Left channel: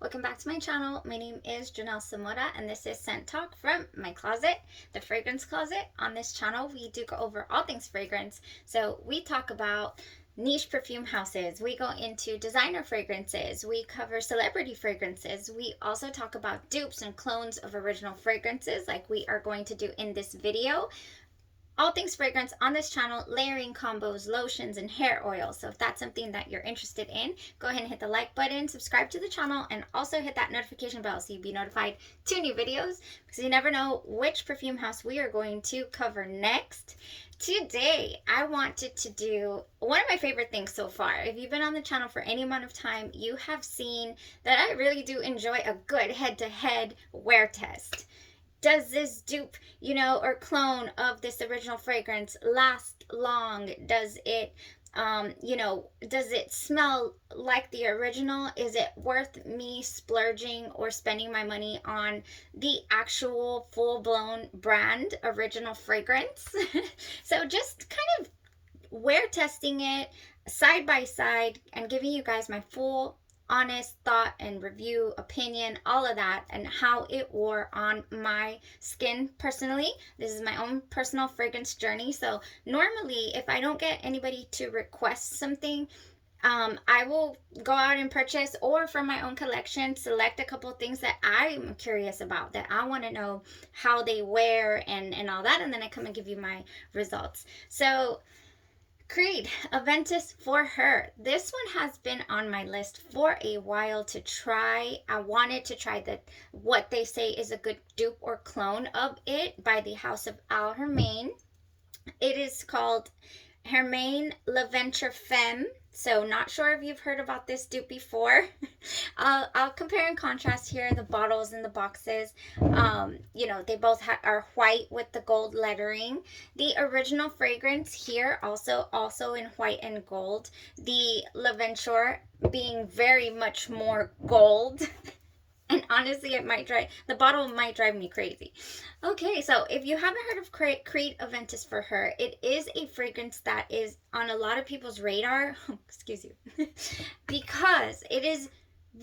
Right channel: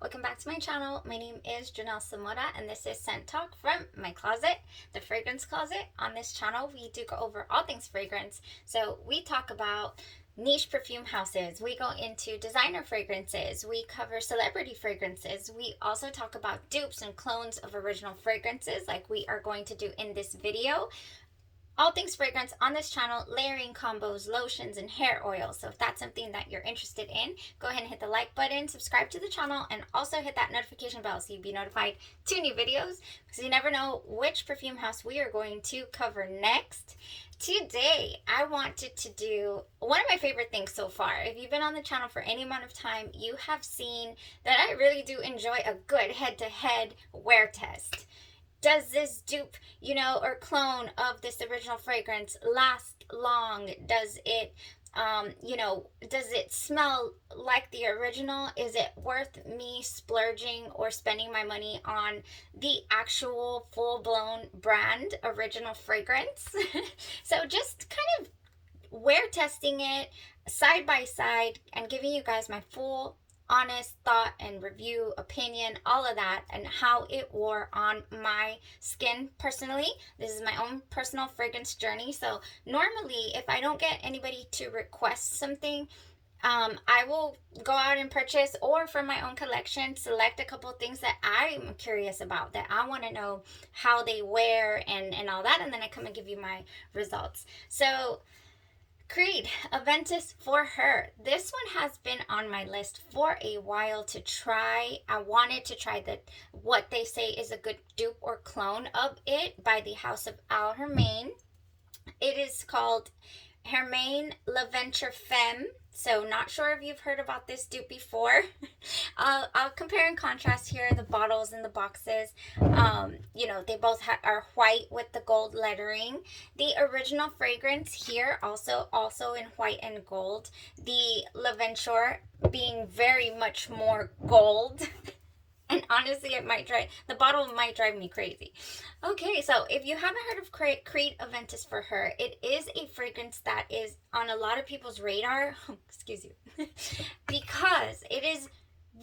Welcome back to my channel. My name is Janelle and this is Scent Talk from my closet, the fragrance closet. On this channel, we do go over all things fragrance. So we talk about niche perfume houses. We go into designer fragrances. We cover celebrity fragrances. We also talk about dupes and clones of original fragrances like we are going to do in this video. All things fragrance on this channel, layering combos, lotions, and hair oils. So if that's something that you're interested in, go ahead and hit the like button, subscribe to the channel, and also hit that notification bell so you'll be notified to new videos, because you never know which perfume house we are going to cover next. Today, I wanted to do one of my favorite things so far. If you've been on the channel for any amount of time, you have seen that I really do enjoy a good head-to-head wear test. Does this dupe, or clone of this original fragrance last long? Does it, does it smell like the original? Is it worth me splurging or spending my money on the actual full-blown brand original fragrance? So just kind of wear testing it side by side and giving you guys my full honest thought and review, opinion, all of that, and how it wore on my skin personally. This is my own personal fragrance journey. So normally, if I don't get anybody to request something, I will go out and purchase, or from my own collection, select a couple of things that I'm curious about, that I want to know how they wear and all that, and then I come and give you my results. So Creed, Aventus for her. This one has been on my list for a while to try. I wanted to try what they say is a good dupe or clone of it by the House of Haramain. It is called Haramain L'aventure Femme. So not sure if you've heard about this dupe before. I'll compare and contrast here the bottles and the boxes. They both are white with the gold lettering. The original fragrance here also in white and gold. The L'Aventure being very much more gold. And honestly, the bottle might drive me crazy. Okay, so if you haven't heard of Creed Aventus for her, it is a fragrance that is on a lot of people's radar, excuse you, because it is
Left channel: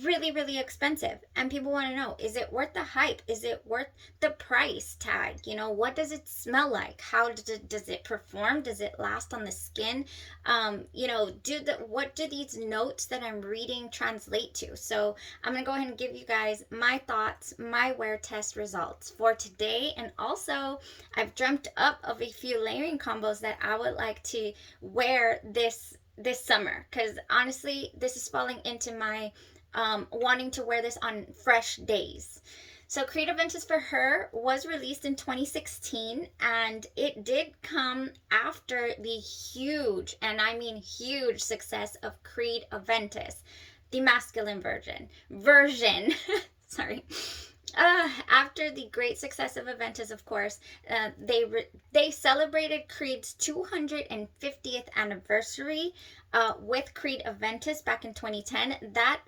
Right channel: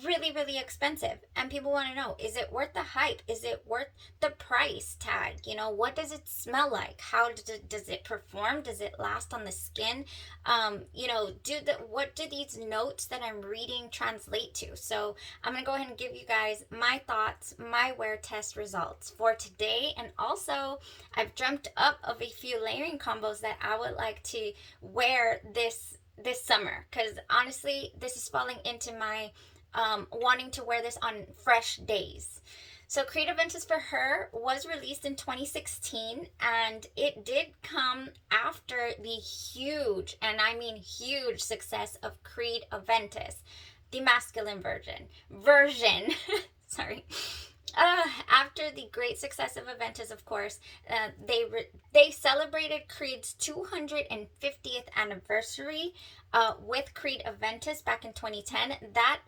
really, really expensive. And people want to know, is it worth the hype? Is it worth the price tag? What does it smell like? How does it perform? Does it last on the skin? What do these notes that I'm reading translate to? So I'm going to go ahead and give you guys my thoughts, my wear test results for today. And also, I've dreamt up of a few layering combos that I would like to wear this summer. Because honestly, this is falling into my wanting to wear this on fresh days. So Creed Aventus for her was released in 2016, and it did come after the huge, and I mean huge, success of Creed Aventus, the masculine version. Sorry. After the great success of Aventus, of course, they celebrated Creed's 250th anniversary with Creed Aventus back in 2010. That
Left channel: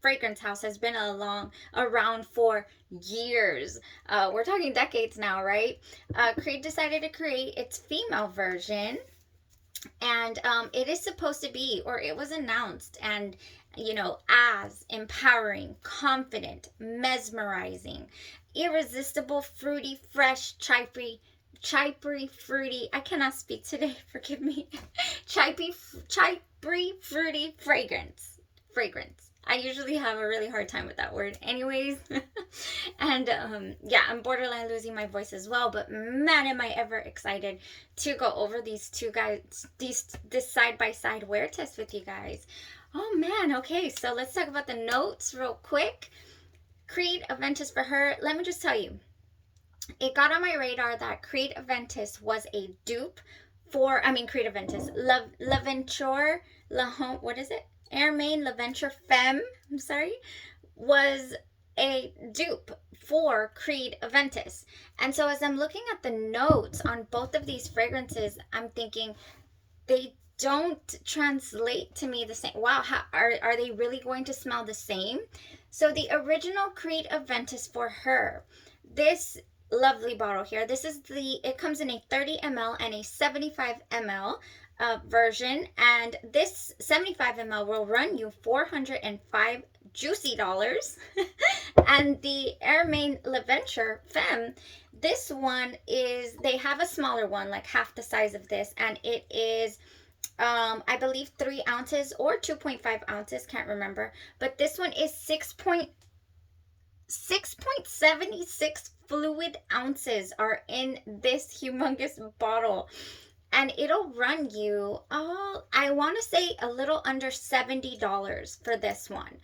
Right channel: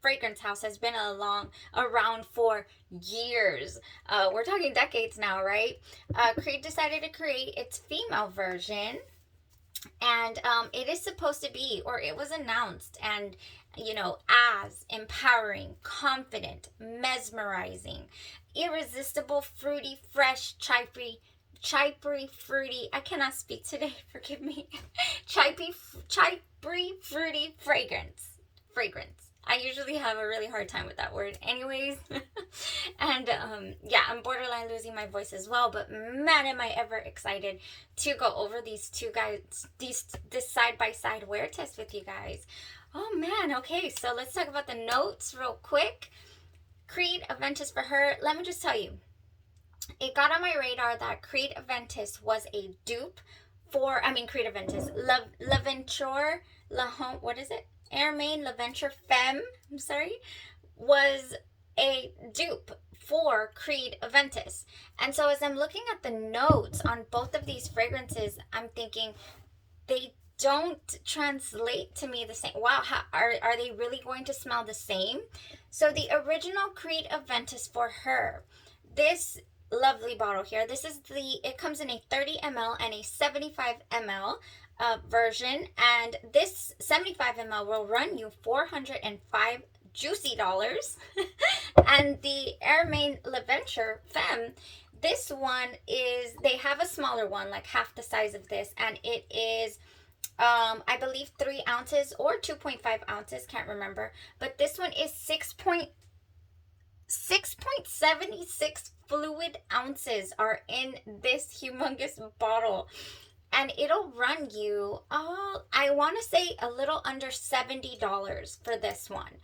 fragrance house has been around for years. We're talking decades now, right? Creed decided to create its female version, and it is supposed to be, or it was announced, and as empowering, confident, mesmerizing, irresistible, fruity, fresh, chippery, fruity. I cannot speak today. Forgive me. Chippery, fruity fragrance. I usually have a really hard time with that word anyways. And I'm borderline losing my voice as well, but man, am I ever excited to go over these two guys, this side-by-side wear test with you guys. Oh man, okay, so let's talk about the notes real quick. Creed Aventus for her, let me just tell you, it got on my radar that Creed Aventus was a dupe for, Creed Aventus, L'Aventure, what is it? Haramain L'aventure Femme, was a dupe for Creed Aventus. And so as I'm looking at the notes on both of these fragrances, I'm thinking they don't translate to me the same. Wow, are they really going to smell the same? So the original Creed Aventus for her, this lovely bottle here, it comes in a 30 ml and a 75 ml version, and this 75 ml will run you $405 juicy dollars. And the Haramain L'aventure Femme, this one is, they have a smaller one, like half the size of this, and it is I believe 3 ounces or 2.5 ounces, can't remember, but this one is 6.76 fluid ounces are in this humongous bottle, and it'll run you, I want to say a little under $70 for this one.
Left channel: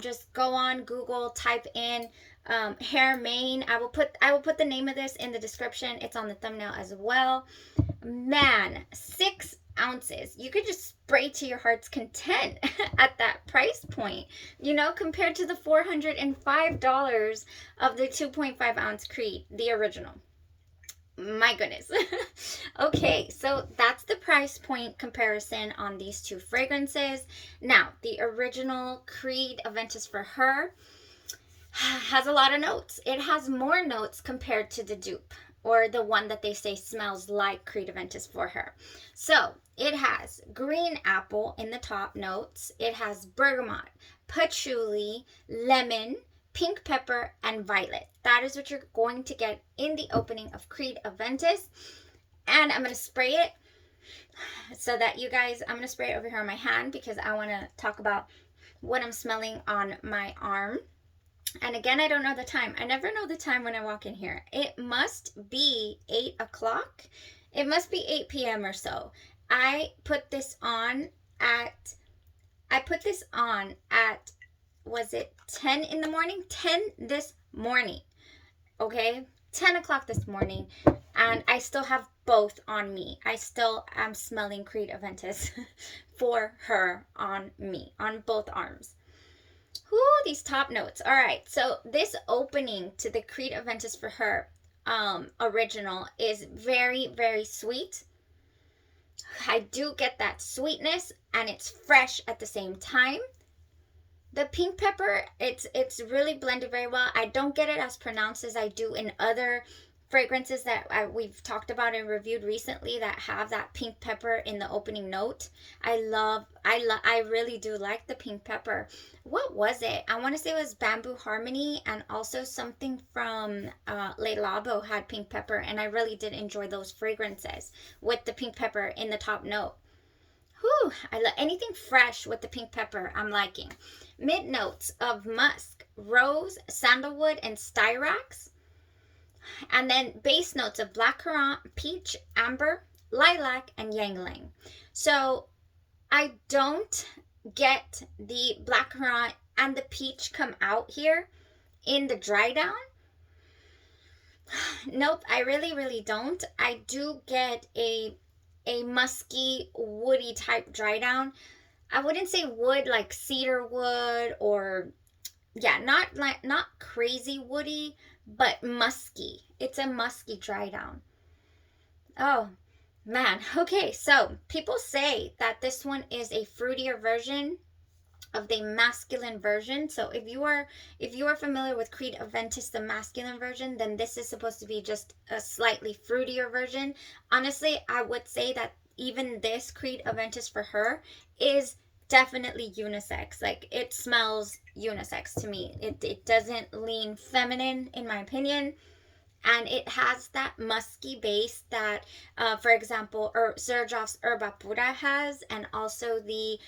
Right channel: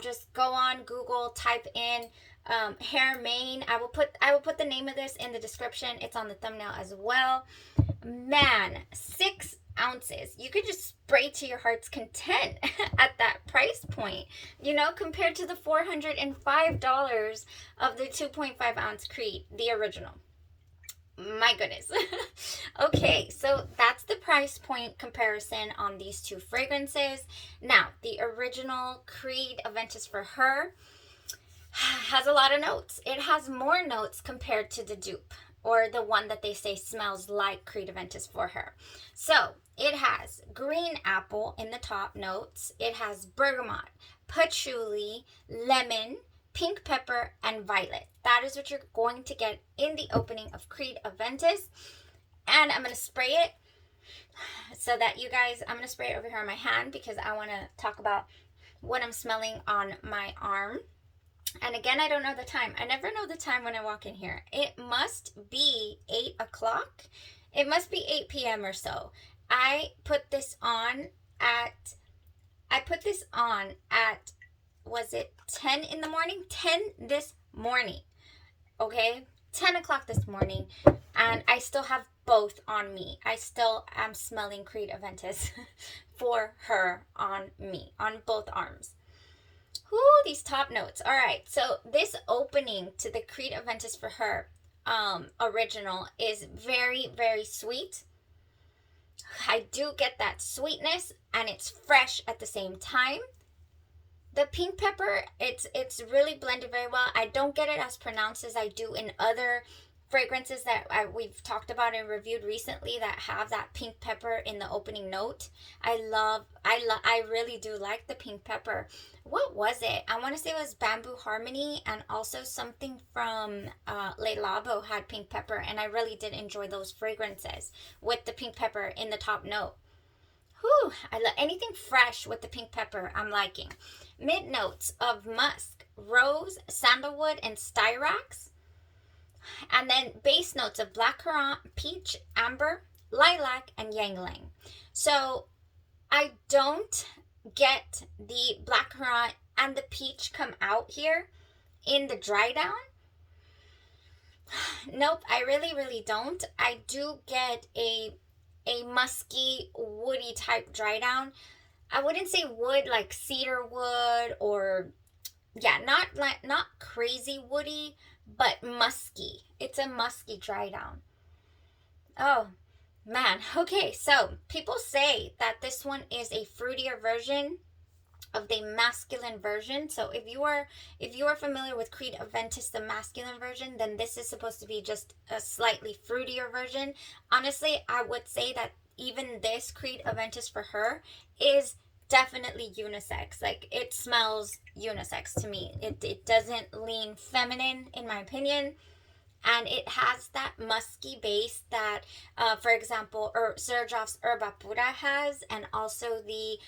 Just go on Google, type in Haramain. I will put the name of this in the description. It's on the thumbnail as well. Man, 6 ounces. You could just spray to your heart's content at that price point, you know, compared to the $405 of the 2.5 ounce Creed, the original. My goodness. Okay, so that's the price point comparison on these two fragrances. Now, the original Creed Aventus for Her has a lot of notes. It has more notes compared to the dupe, or the one that they say smells like Creed Aventus for Her. So it has green apple in the top notes. It has bergamot, patchouli, lemon, pink pepper, and violet. That is what you're going to get in the opening of Creed Aventus. And I'm going to spray it so that you guys, I'm going to spray it over here on my hand because I want to talk about what I'm smelling on my arm. And again, I don't know the time. I never know the time when I walk in here. It must be 8 o'clock. It must be 8 p.m. or so. I put this on at, was it 10 in the morning? 10 this morning. Okay? 10 o'clock this morning. And I still have both on me. I still am smelling Creed Aventus for Her on me, on both arms. Whoo, these top notes. All right, so this opening to the Creed Aventus for Her original is very, very sweet. I do get that sweetness, and it's fresh at the same time. The pink pepper, it's really blended very well. I don't get it as pronounced as I do in other fragrances that we've talked about and reviewed recently that have that pink pepper in the opening note. I really do like the pink pepper. What was it? I want to say it was Bamboo Harmony, and also something from Le Labo had pink pepper, and I really did enjoy those fragrances with the pink pepper in the top note. Whew, I love anything fresh with the pink pepper. I'm liking. Mid notes of musk, rose, sandalwood, and styrax. And then base notes of blackcurrant, peach, amber, lilac, and ylang-ylang. So I don't get the blackcurrant and the peach come out here in the dry down. Nope, I really, really don't. I do get a musky, woody type dry down. I wouldn't say wood like cedar wood, or yeah, not crazy woody, but musky. It's a musky dry down. Oh man. Okay, so people say that this one is a fruitier version of the masculine version. So if you are familiar with Creed Aventus, the masculine version, then this is supposed to be just a slightly fruitier version. Honestly, I would say that even this Creed Aventus for Her is definitely unisex. Like, it smells unisex to me. It doesn't lean feminine in my opinion, and it has that musky base that for example Xerjoff's Herba Pura has, and also the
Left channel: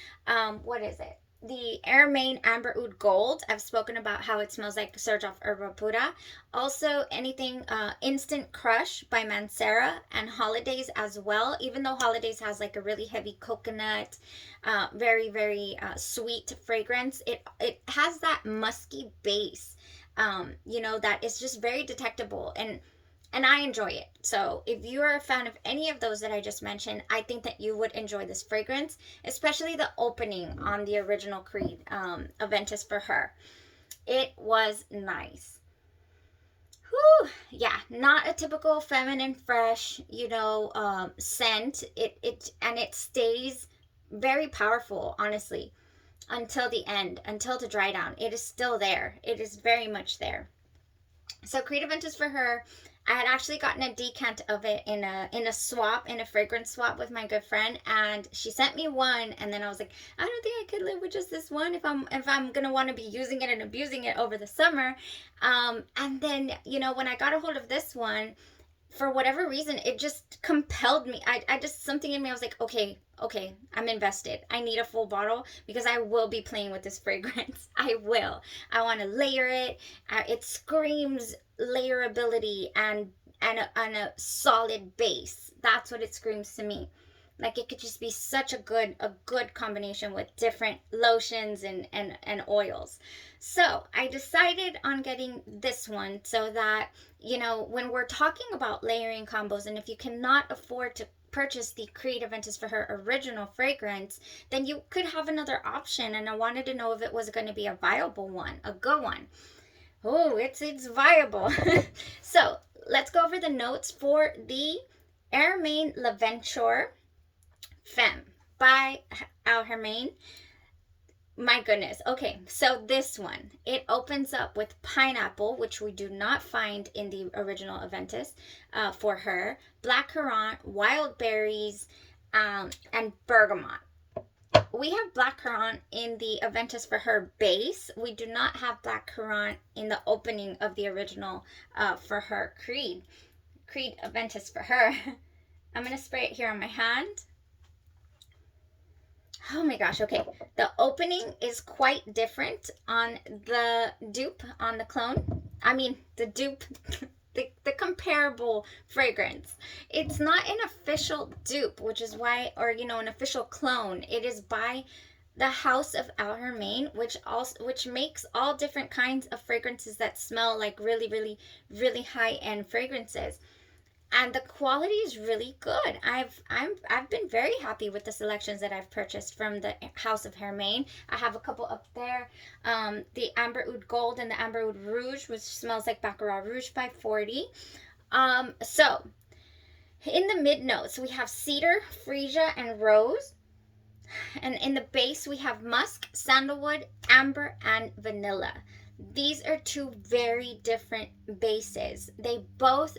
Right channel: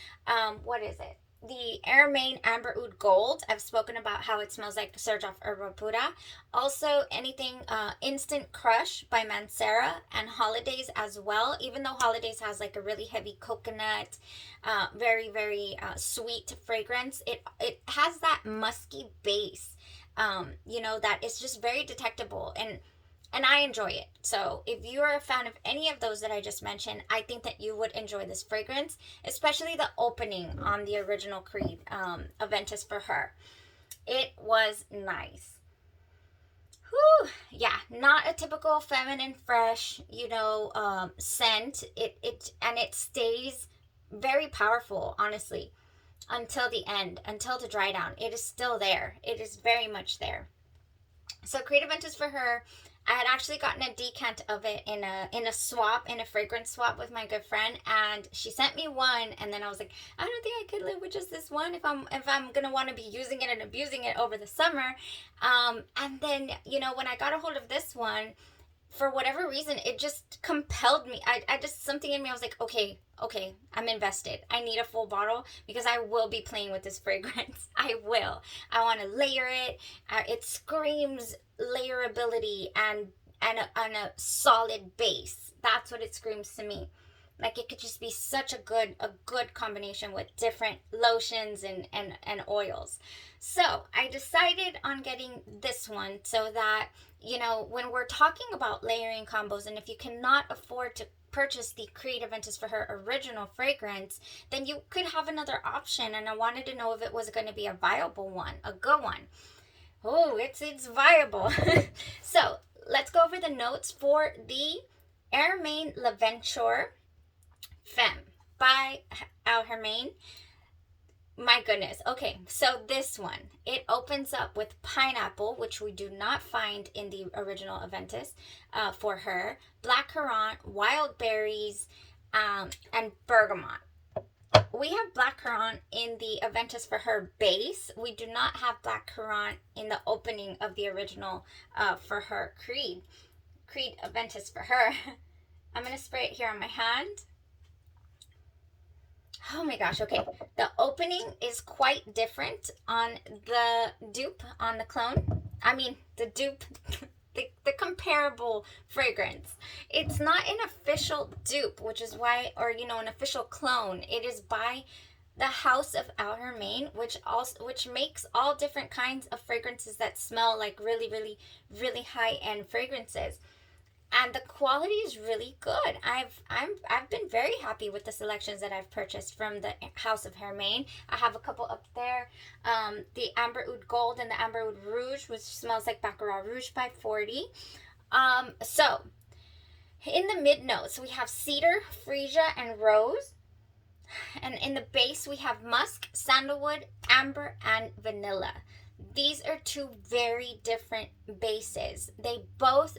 what is it, the Haramain Amber Oud Gold. I've spoken about how it smells like Xerjoff Herba Pura. Also anything Instant Crush by Mancera, and Holidays as well. Even though Holidays has like a really heavy coconut, very, very sweet fragrance, it has that musky base, you know, that is just very detectable, and I enjoy it. So if you're a fan of any of those that I just mentioned, I think that you would enjoy this fragrance, especially the opening on the original Creed Aventus for Her. It was nice. Whew, yeah, not a typical feminine fresh, you know, scent. It stays very powerful, honestly, until the end, until the dry down. It is still there. It is very much there. So Creed Aventus for Her, I had actually gotten a decant of it in a fragrance swap with my good friend, and she sent me one, and then I was like, I don't think I could live with just this one if I'm gonna want to be using it and abusing it over the summer. And then when I got a hold of this one, for whatever reason, it just compelled me. I just, something in me, I was like, okay, I'm invested. I need a full bottle because I will be playing with this fragrance. I will. I want to layer it. It screams layerability and a solid base. That's what it screams to me. Like, it could just be such a good combination with different lotions and oils. So I decided on getting this one so that, when we're talking about layering combos, and if you cannot afford to purchase the Creed Aventus for her original fragrance, then you could have another option. And I wanted to know if it was going to be a viable one, a good one. Oh, it's viable. So let's go over the notes for the Haramain L'Aventure Femme by Haramain. My goodness. Okay, so this one, it opens up with pineapple, which we do not find in the original Aventus for her, blackcurrant, wild berries, and bergamot. We have blackcurrant in the Aventus for her base. We do not have blackcurrant in the opening of the original for her Creed Aventus for her. I'm going to spray it here on my hand. Oh my gosh, okay. The opening is quite different on the dupe, on the clone. I mean, the dupe, the comparable fragrance. It's not an official dupe, which is why, or, an official clone. It is by the House of Haramain, which makes all different kinds of fragrances that smell like really, really, really high-end fragrances. And the quality is really good. I've been very happy with the selections that I've purchased from the House of Haramain. I have a couple up there, the Amber Oud Gold and the Amber Oud Rouge, which smells like Baccarat Rouge by 40. So in the mid notes we have cedar, freesia, and rose, and in the base we have musk, sandalwood, amber, and vanilla. These are two very different bases. They both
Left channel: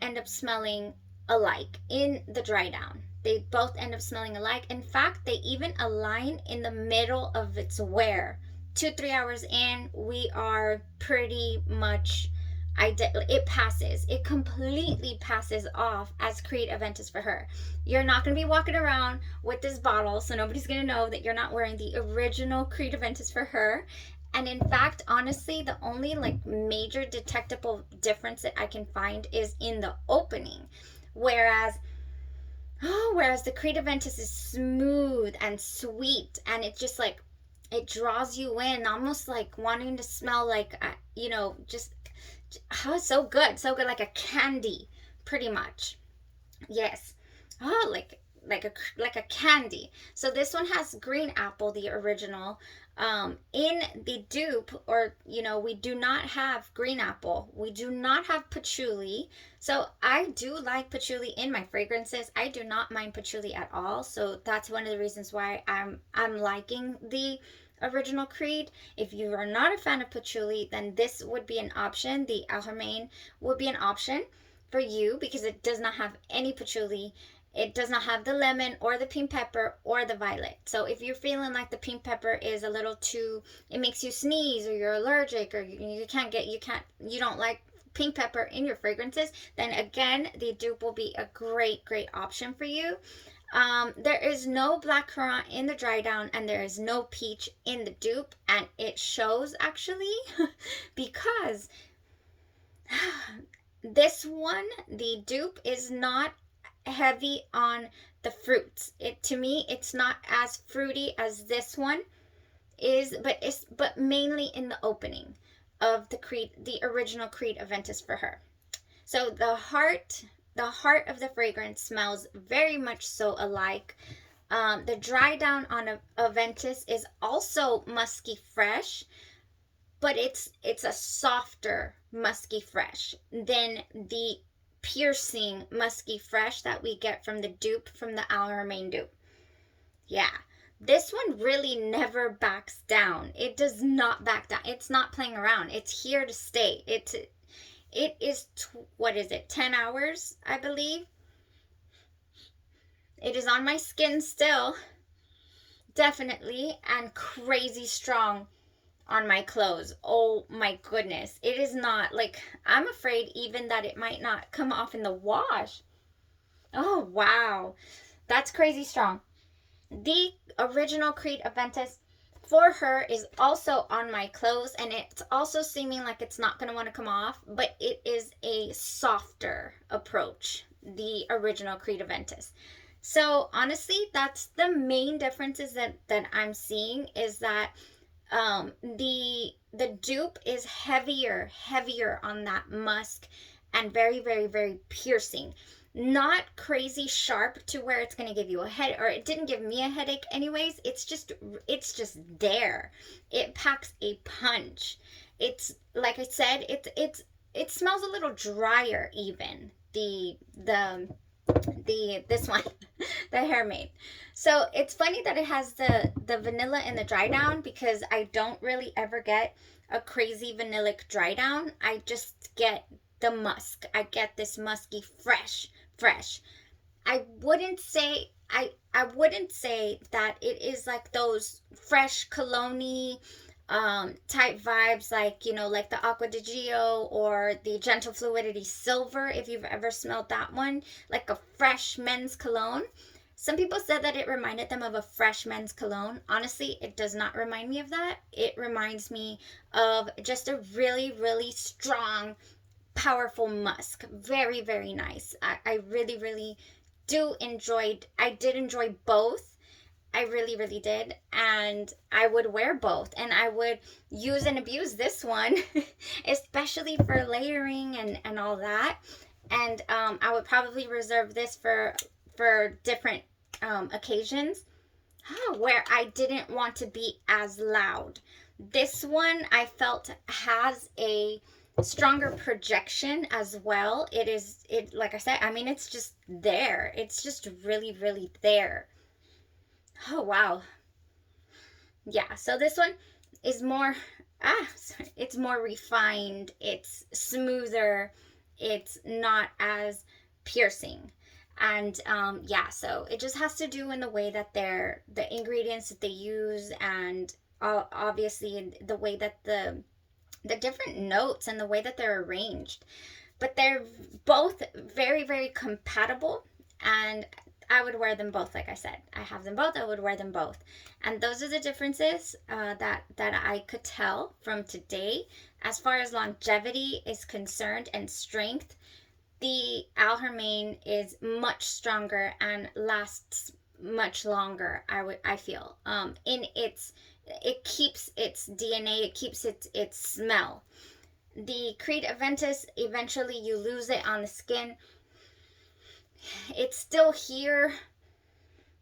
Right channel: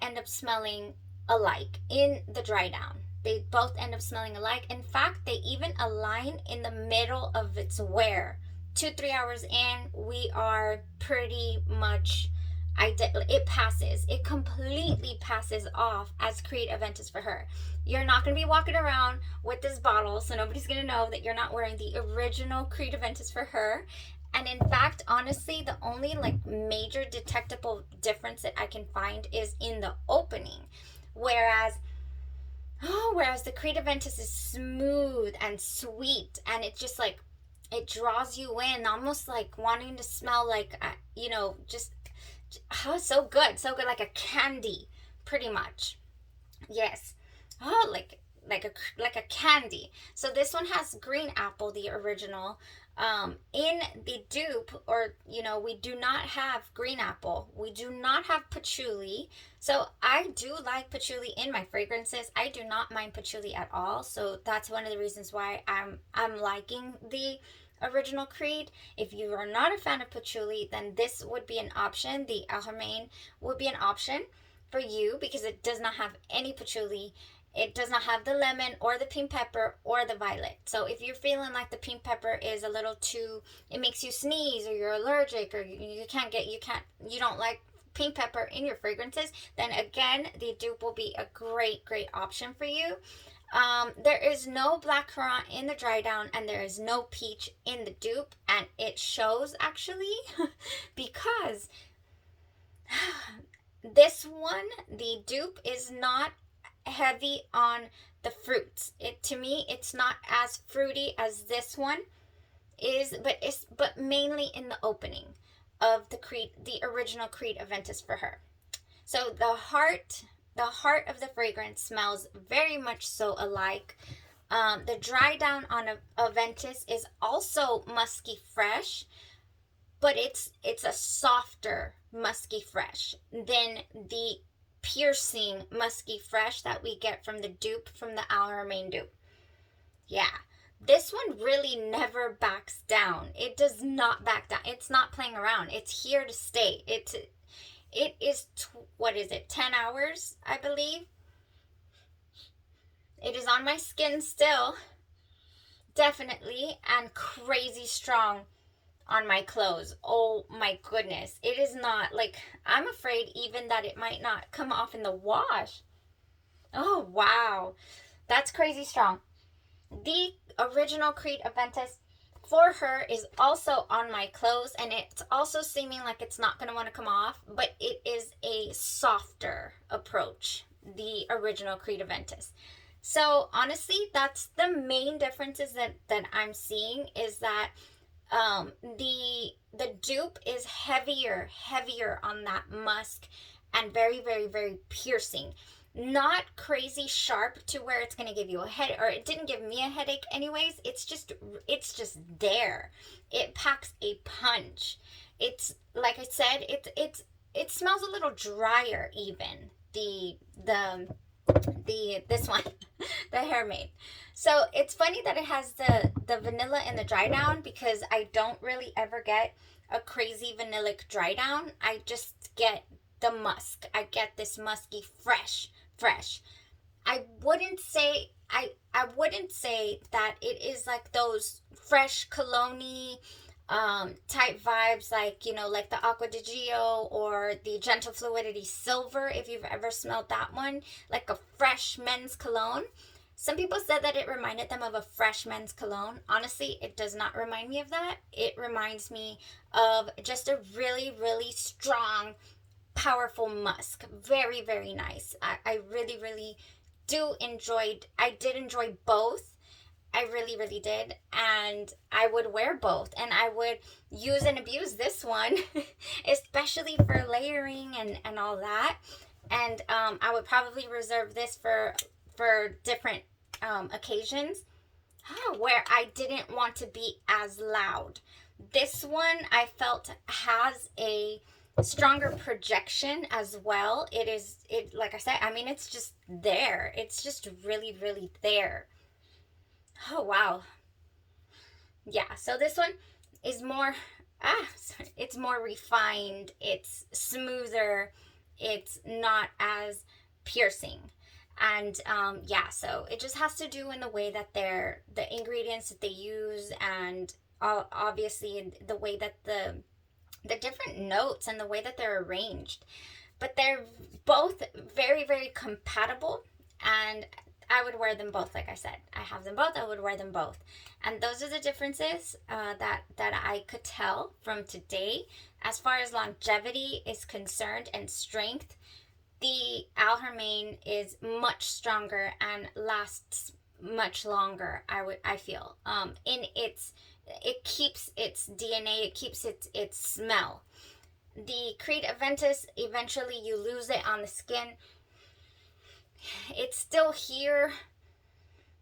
end up smelling alike in the dry down. They both end up smelling alike. In fact, they even align in the middle of its wear. 2-3 hours in, we are pretty much, it completely passes off as Creed Aventus for her. You're not going to be walking around with this bottle, so nobody's going to know that you're not wearing the original Creed Aventus for her. And in fact, honestly, the only major detectable difference that I can find is in the opening. Whereas the Creed Aventus is smooth and sweet, and it's just it draws you in, almost like wanting to smell so good, like a candy, pretty much. Yes. Oh, like a candy. So this one has green apple, the original. In the dupe, or we do not have green apple. We do not have patchouli. So I do like patchouli in my fragrances. I do not mind patchouli at all. So that's one of the reasons why I'm liking the original Creed. If you are not a fan of patchouli, then this would be an option. The Haramain would be an option for you because it does not have any patchouli. It does not have the lemon or the pink pepper or the violet. So if you're feeling like the pink pepper is a little too, it makes you sneeze, or you're allergic, or you don't like pink pepper in your fragrances, then again, the dupe will be a great option for you. There is no blackcurrant in the dry down, and there is no peach in the dupe, and it shows actually because this one, the dupe, is not heavy on the fruits. To me, it's not as fruity as this one is, but mainly in the opening of the original Creed Aventus for her. So the heart of the fragrance smells very much so alike. The dry down on Aventus is also musky fresh, but it's a softer musky fresh than the piercing musky fresh that we get from the dupe, from the Haramain dupe. Yeah, this one really never backs down. It does not back down. It's not playing around. It's here to stay. it is, what is it, 10 hours, I believe. It is on my skin still, definitely, and crazy strong on my clothes. Oh my goodness. It is not, like, I'm afraid even that it might not come off in the wash. Oh, wow. That's crazy strong. The original Creed Aventus for her is also on my clothes, and it's also seeming like it's not going to want to come off, but it is a softer approach, the original Creed Aventus. So honestly, that's the main differences that I'm seeing, is that the dupe is heavier on that musk, and very, very, very piercing. Not crazy sharp to where it's going to give you a head, or it didn't give me a headache anyways. It's just there. It packs a punch. It's like I said, it smells a little drier even. The this one, the Haramain. So it's funny that it has the vanilla in the dry down, because I don't really ever get a crazy vanillic dry down. I just get the musk. I get this musky fresh. I wouldn't say that it is like those fresh cologne type vibes, like, like the Aqua di Gio or the Gentle Fluidity Silver, if you've ever smelled that one, like a fresh men's cologne. Some people said that it reminded them of a fresh men's cologne. Honestly, it does not remind me of that. It reminds me of just a really, really strong, powerful musk. Very, very nice. I really, really I did enjoy both. I really, really did. And I would wear both. And I would use and abuse this one, especially for layering and all that. And I would probably reserve this for different occasions, where I didn't want to be as loud. This one I felt has a stronger projection as well. It like I said, I mean, it's just there. It's just really, really there. Oh, wow. Yeah, so this one is more, sorry, it's more refined, it's smoother, it's not as piercing. And yeah, so it just has to do in the way that the ingredients that they use, and obviously the way that the different notes and the way that they're arranged. But they're both very, very compatible, and I would wear them both. Like I said, I have them both. I would wear them both, and those are the differences that I could tell from today. As far as longevity is concerned and strength, the Alhermain is much stronger and lasts much longer. I feel it keeps its DNA. It keeps its smell. The Creed Aventus, eventually you lose it on the skin. It's still here,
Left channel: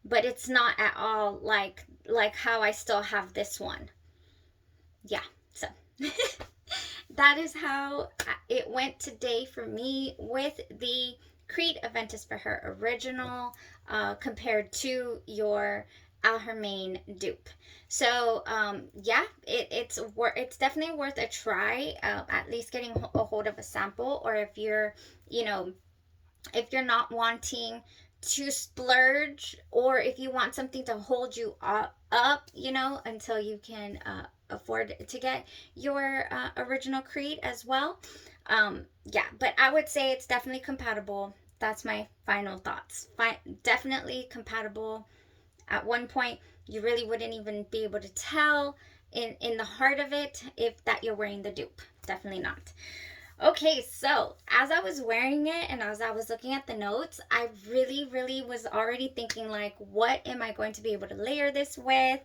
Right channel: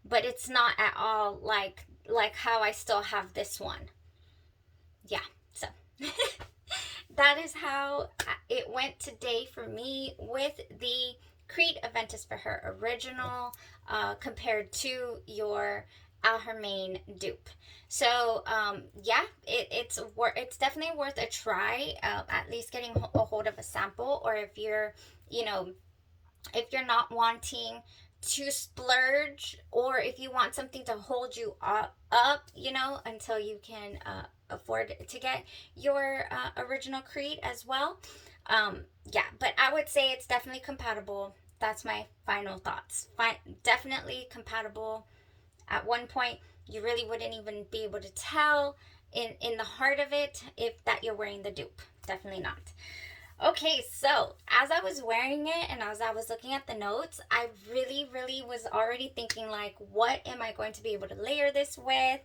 but it's not at all like how I still have this one. Yeah, so that is how it went today for me with the Creed Aventus for her original, compared to your Alhermain dupe. So yeah, it's definitely worth a try, at least getting a hold of a sample. Or if you're not wanting to splurge, or if you want something to hold you up, until you can afford to get your original Creed as well. Yeah, but I would say it's definitely compatible. That's my final thoughts. Definitely compatible. At one point, you really wouldn't even be able to tell in the heart of it if that you're wearing the dupe. Definitely not. Okay, so as I was wearing it and as I was looking at the notes, I really, really was already thinking, like, what am I going to be able to layer this with?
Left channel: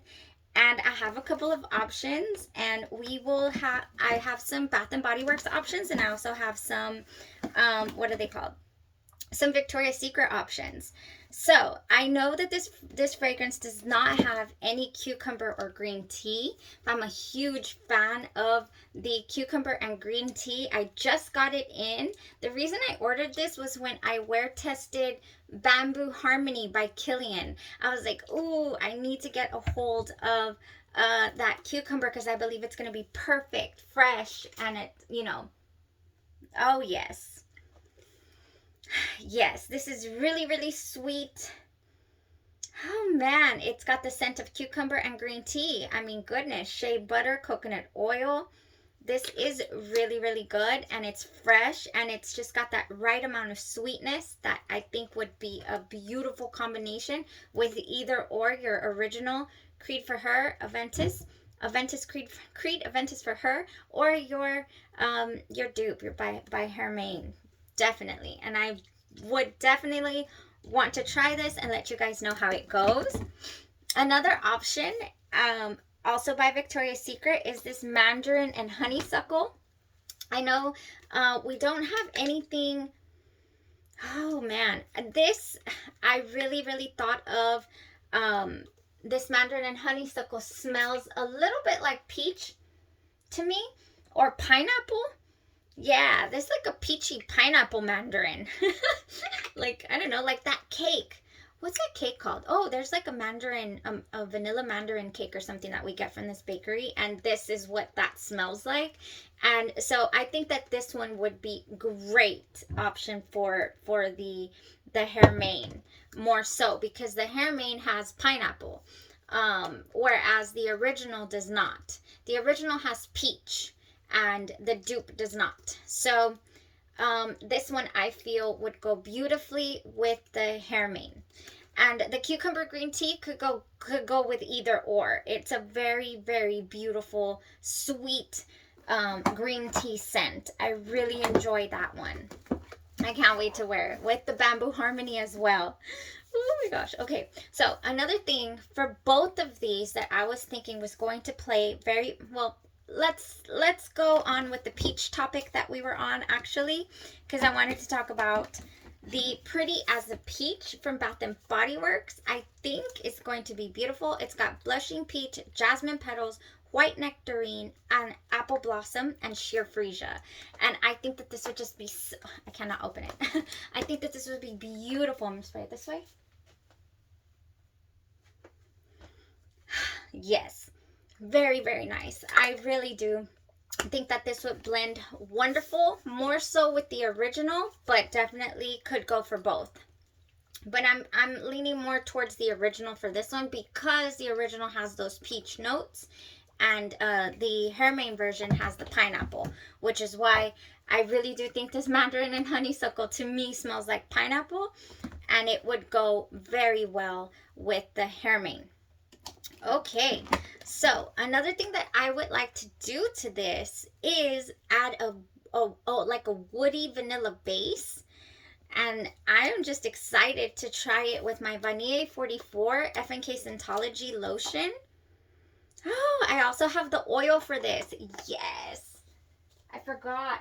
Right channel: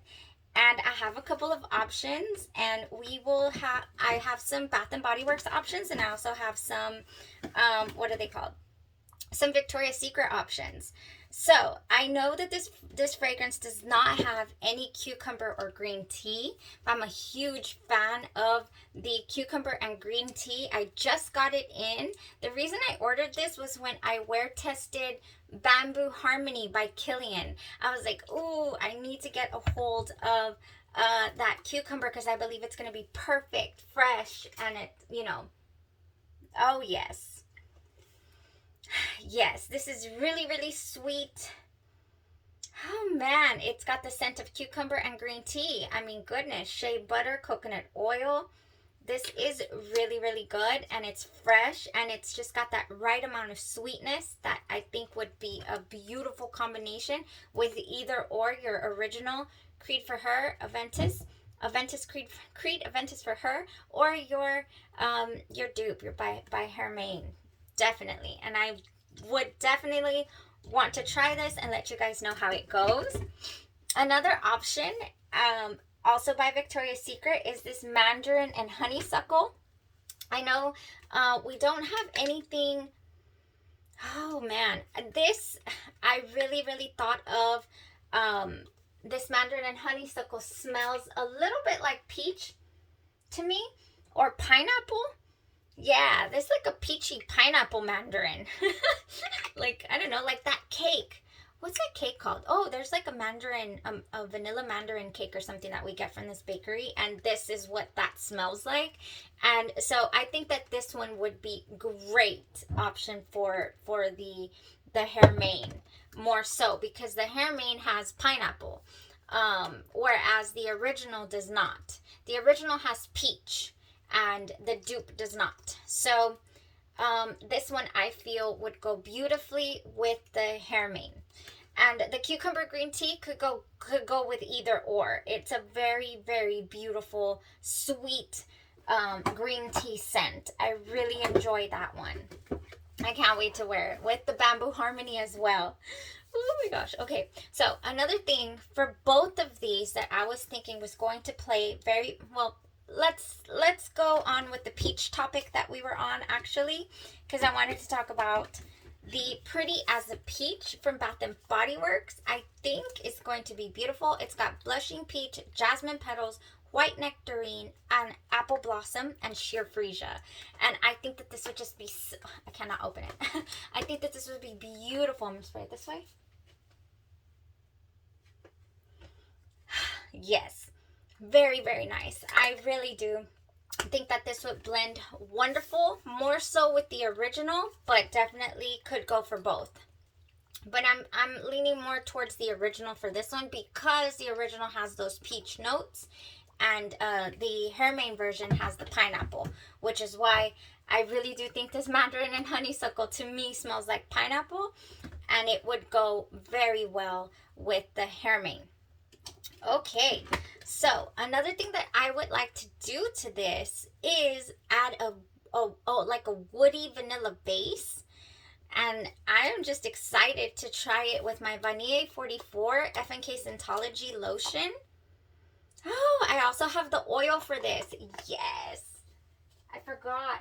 And I have a couple of options, and I have some Bath and Body Works options, and I also have some, what are they called? Some Victoria's Secret options. So I know that this fragrance does not have any cucumber or green tea. I'm a huge fan of the cucumber and green tea. I just got it in. The reason I ordered this was when I wear tested Bamboo Harmony by Kilian. I was like, ooh, I need to get a hold of that cucumber, because I believe it's going to be perfect, fresh, and it, Oh, yes. Yes, this is really, really sweet. Oh man, it's got the scent of cucumber and green tea. I mean, goodness, shea butter, coconut oil. This is really, really good, and it's fresh, and it's just got that right amount of sweetness that I think would be a beautiful combination with either or your original Creed for Her, Aventus Creed Aventus for Her, or your dupe, your by Haramain. Definitely. And I would definitely want to try this and let you guys know how it goes. Another option, also by Victoria's Secret, is this Mandarin and Honeysuckle. I know we don't have anything. Oh man, this I really, really thought of. This Mandarin and Honeysuckle smells a little bit like peach to me, or pineapple. Yeah, there's like a peachy pineapple mandarin. Like, I don't know, like that cake. What's that cake called? Oh, there's like a mandarin, a vanilla mandarin cake or something that we get from this bakery, and this is what that smells like. And so I think that this one would be great option for the Haramain, more so because the Haramain has pineapple, whereas the original does not. The original has peach, and the dupe does not. So this one I feel would go beautifully with the Haramain. And the cucumber green tea could go with either or. It's a very, very beautiful, sweet green tea scent. I really enjoy that one. I can't wait to wear it with the bamboo harmony as well. Oh my gosh. Okay, so another thing for both of these that I was thinking was going to play very well. Let's go on with the peach topic that we were on, actually, because I wanted to talk about the Pretty as a Peach from Bath and Body Works. I think it's going to be beautiful. It's got blushing peach, jasmine petals, white nectarine, and apple blossom, and sheer freesia. And I think that this would just be so, I cannot open it. I think that this would be beautiful. I'm going to spray it this way. Yes, very, very nice. I really do think that this would blend wonderful, more so with the original, but definitely could go for both. But I'm leaning more towards the original for this one because the original has those peach notes, and the Haramain version has the pineapple, which is why I really do think this Mandarin and Honeysuckle to me smells like pineapple, and it would go very well with the Haramain. Okay, so another thing that I would like to do to this is add like a woody vanilla base. And I am just excited to try it with my Vanille 44 FNK Scentology lotion. Oh, I also have the oil for this. Yes, I forgot.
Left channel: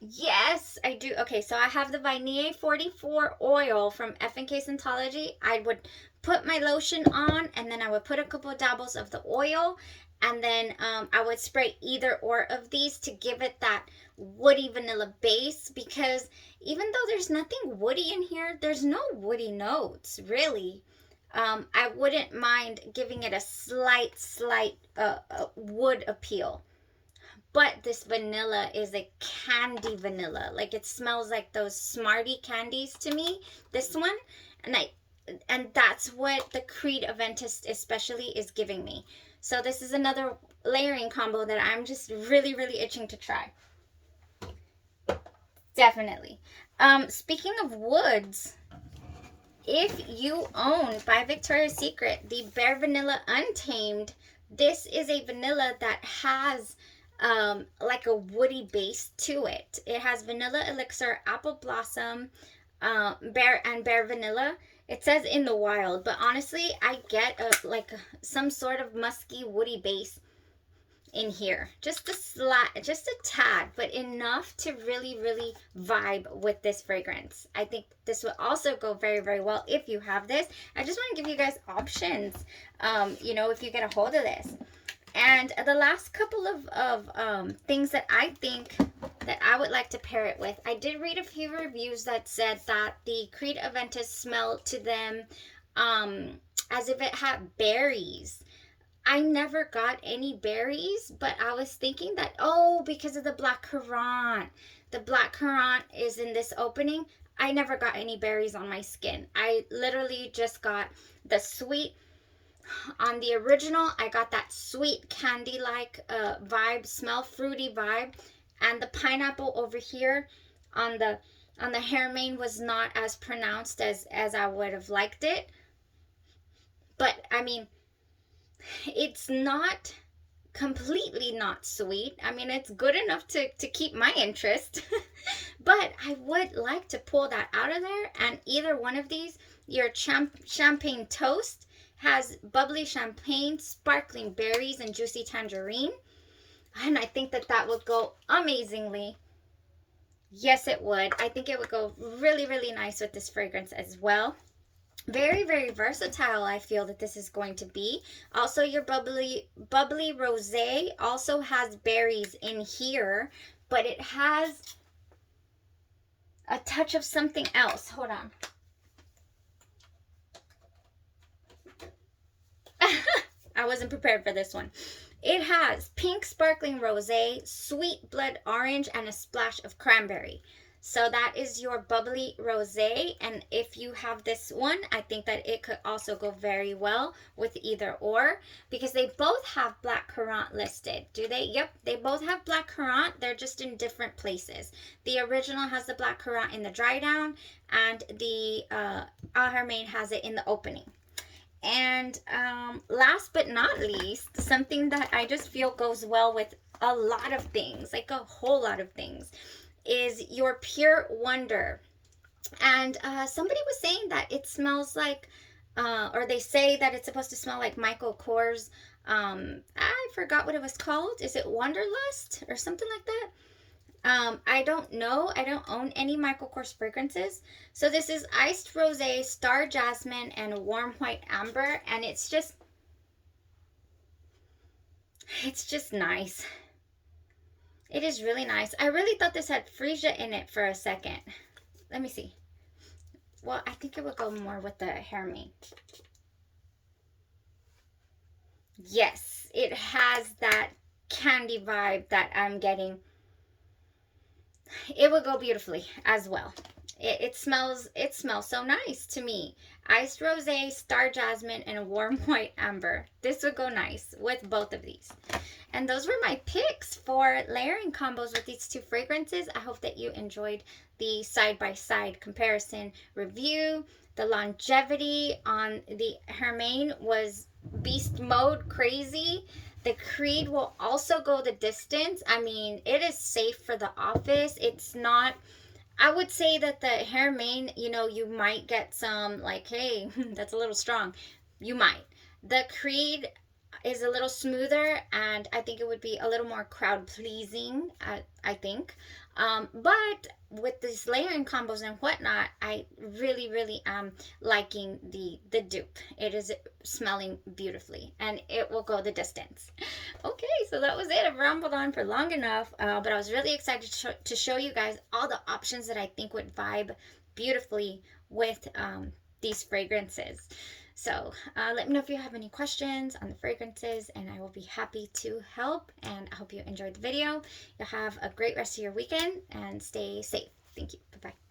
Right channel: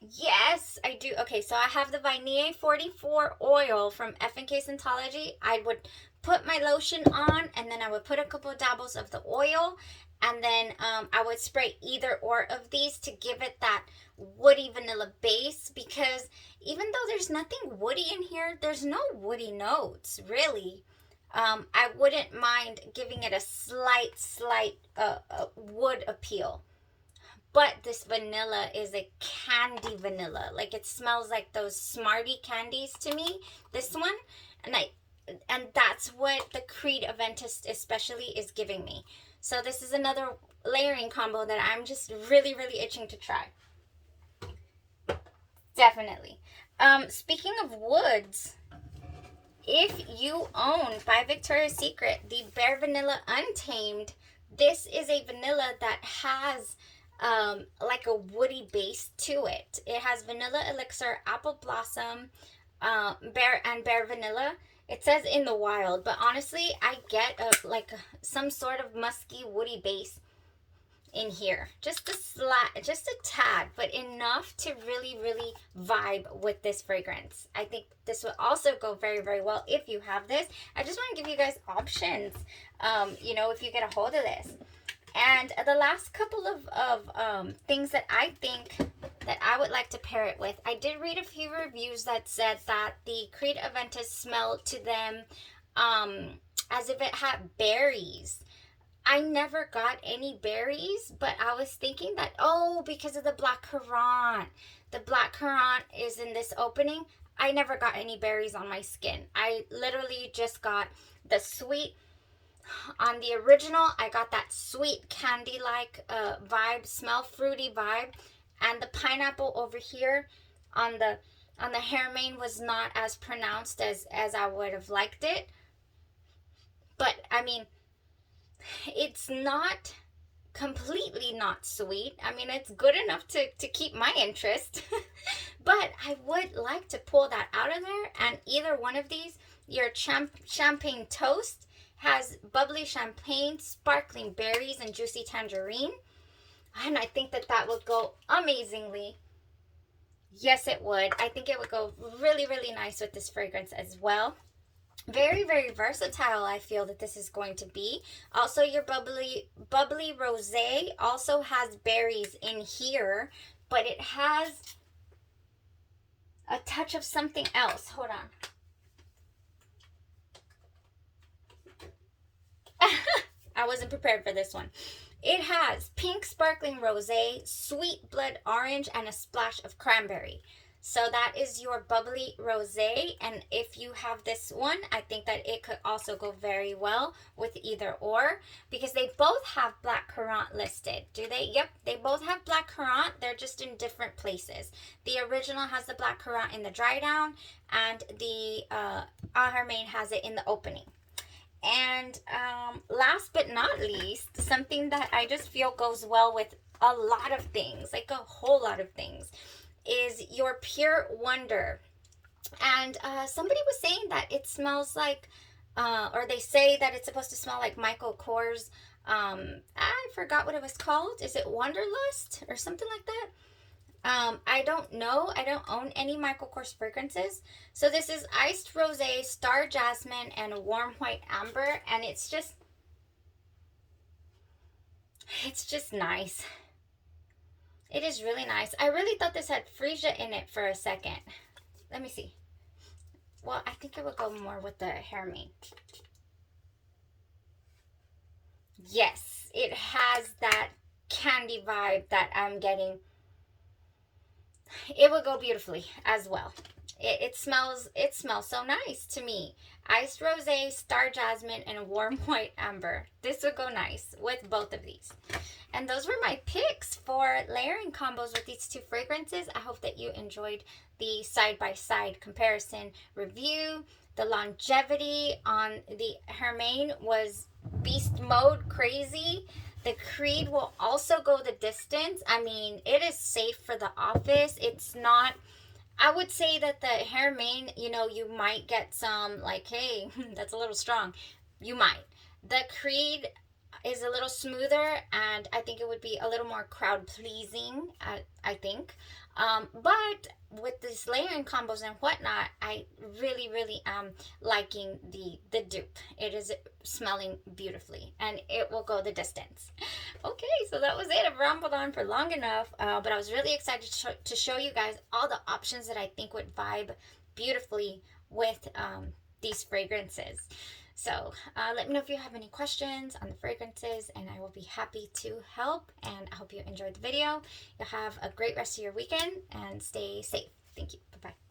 Yes, I do. Okay, so I have the Vanille 44 oil from FNK Scentology. I would put my lotion on, and then I would put a couple of dabbles of the oil, and then I would spray either or of these to give it that woody vanilla base, because even though there's nothing woody in here, there's no woody notes, really. I wouldn't mind giving it a slight wood appeal. But this vanilla is a candy vanilla. Like, it smells like those Smartie candies to me, this one. And that's what the Creed Aventus especially is giving me. So this is another layering combo that I'm just really, really itching to try. Definitely. Speaking of woods, if you own by Victoria's Secret the Bare Vanilla Untamed, this is a vanilla that has like a woody base to it. It has vanilla elixir, apple blossom, bare vanilla. It says in the wild, but honestly, I get some sort of musky woody base in here. Just a tad, but enough to really, really vibe with this fragrance. I think this would also go very, very well if you have this. I just want to give you guys options, if you get a hold of this. And the last couple of things that I think that I would like to pair it with, I did read a few reviews that said that the Creed Aventus smelled to them as if it had berries. I never got any berries, but I was thinking that, oh, because of the black currant. The black currant is in this opening. I never got any berries on my skin. I literally just got the sweet. On the original, I got that sweet candy-like vibe, smell fruity vibe. And the pineapple over here on the Haramain was not as pronounced as I would have liked it. But I mean, it's not completely not sweet. I mean, it's good enough to keep my interest. But I would like to pull that out of there. And either one of these, your champagne toast has bubbly champagne, sparkling berries, and juicy tangerine. And I think that that would go amazingly. Yes, it would. I think it would go really, really nice with this fragrance as well. Very, very versatile, I feel that this is going to be. Also, your bubbly rosé also has berries in here, but it has a touch of something else. Hold on. I wasn't prepared for this one. It has pink sparkling rosé, sweet blood orange, and a splash of cranberry. So that is your bubbly rosé, and if you have this one, I think that it could also go very well with either or, because they both have black currant listed. Do they? Yep, they both have black currant. They're just in different places. The original has the black currant in the dry down, and the Haramain has it in the opening. And last but not least, something that I just feel goes well with a lot of things, like a whole lot of things, is your Pure Wonder. And somebody was saying that it smells like, or they say that it's supposed to smell like Michael Kors. I forgot what it was called. Is it Wanderlust or something like that? I don't know. I don't own any Michael Kors fragrances. So this is Iced Rosé, Star Jasmine, and Warm White Amber. And it's just nice. It is really nice. I really thought this had freesia in it for a second. Let me see. Well, I think it would go more with the Haramain. Yes, it has that candy vibe that I'm getting. It would go beautifully as well. It smells so nice to me. Iced Rosé, Star Jasmine, and Warm White Amber. This would go nice with both of these. And those were my picks for layering combos with these two fragrances. I hope that you enjoyed the side-by-side comparison review. The longevity on the Haramain was beast mode crazy. The Creed will also go the distance. I mean, it is safe for the office. It's not, I would say that the Haramain, you know, you might get some like, hey, that's a little strong. You might. The Creed is a little smoother, and I think it would be a little more crowd pleasing, I think. But with these layering combos and whatnot, I really, really am liking the dupe. It is smelling beautifully, and it will go the distance. Okay, so that was it. I've rambled on for long enough, but I was really excited to show you guys all the options that I think would vibe beautifully with these fragrances. So let me know if you have any questions on the fragrances, and I will be happy to help. And I hope you enjoyed the video. You'll have a great rest of your weekend and stay safe. Thank you. Bye-bye.